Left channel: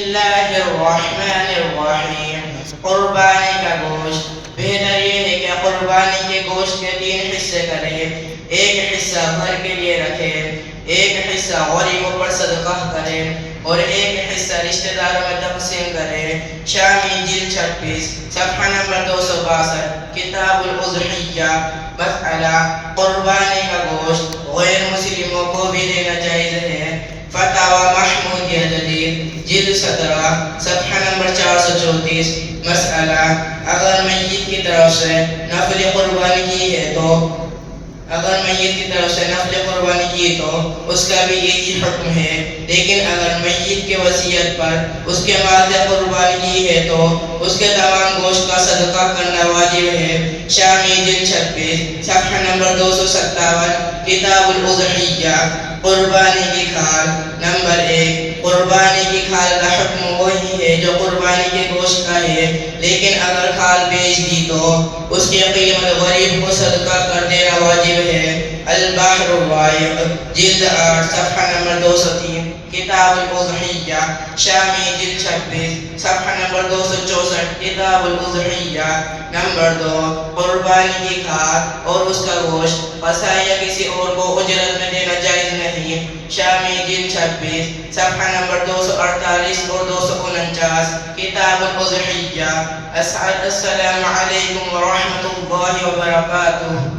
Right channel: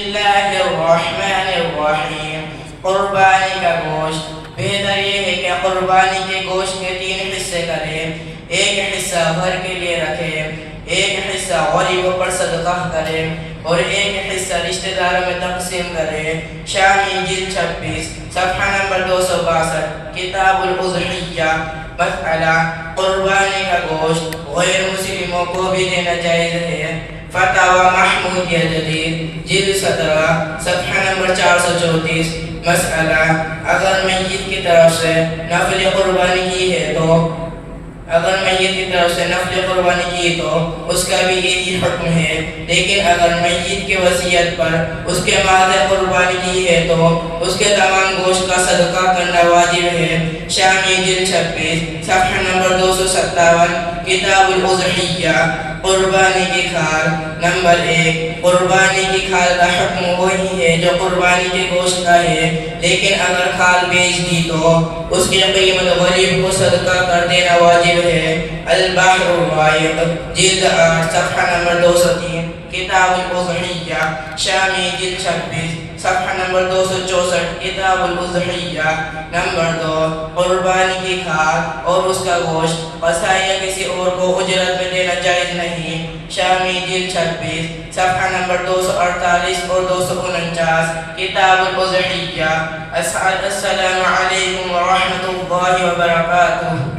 اللہ الرحمن الرحیم۔ قربانی کا گوشت، بہتر یہ ہے کہ قربانی کے گوشت کے 3 حصے کریں۔ ایک حصہ گھر کے لیے رکھیں، ایک حصہ غریبوں پر صدقہ کریں اور ایک حصہ رشتہ داروں میں تقسیم کریں۔ شامی جلد 26 صفحہ نمبر 262 کتاب الاضحیہ۔ مسئلہ قربانی کا گوشت غیر مسلموں کو بھی دینا جائز ہے۔ فتاوی محمودیہ جدید جلد 17 صفحہ نمبر 434۔ مسئلہ اگر میت کی طرف سے نفل قربانی کی ہے تو اس کا بھی یہی حکم ہے، لیکن اگر میت کے وصیت پر اس کے مال قربانی کی ہے تو اس کے تمام گوشت کا صدقہ کرنا واجب ہے۔ شامی جلد 26 صفحہ نمبر 257 کتاب الاضحیہ۔ قربانی کی کھال۔ نمبر 1، قربانی کی کھال کا حکم وہی ہے جو قربانی کے گوشت کا ہے، لیکن اگر کھال بیچ دی تو اس کی قیمت غریب کو صدقہ کر دینا واجب ہے۔ البحر الرائق جلد 8 صفحہ نمبر 203 کتاب الاضحیہ۔ شامی جلد 26 صفحہ نمبر 264 کتاب الاضحیہ۔ نمبر 2، قربانی کی کھال اور اس کا گوشت قصائی یا کسی اور کو اجرت میں دینا جائز نہیں۔ شامی جلد 26 صفحہ نمبر 248 اور 249 کتاب الاضحیہ۔ السلام علیکم ورحمۃ اللہ وبرکاتہ۔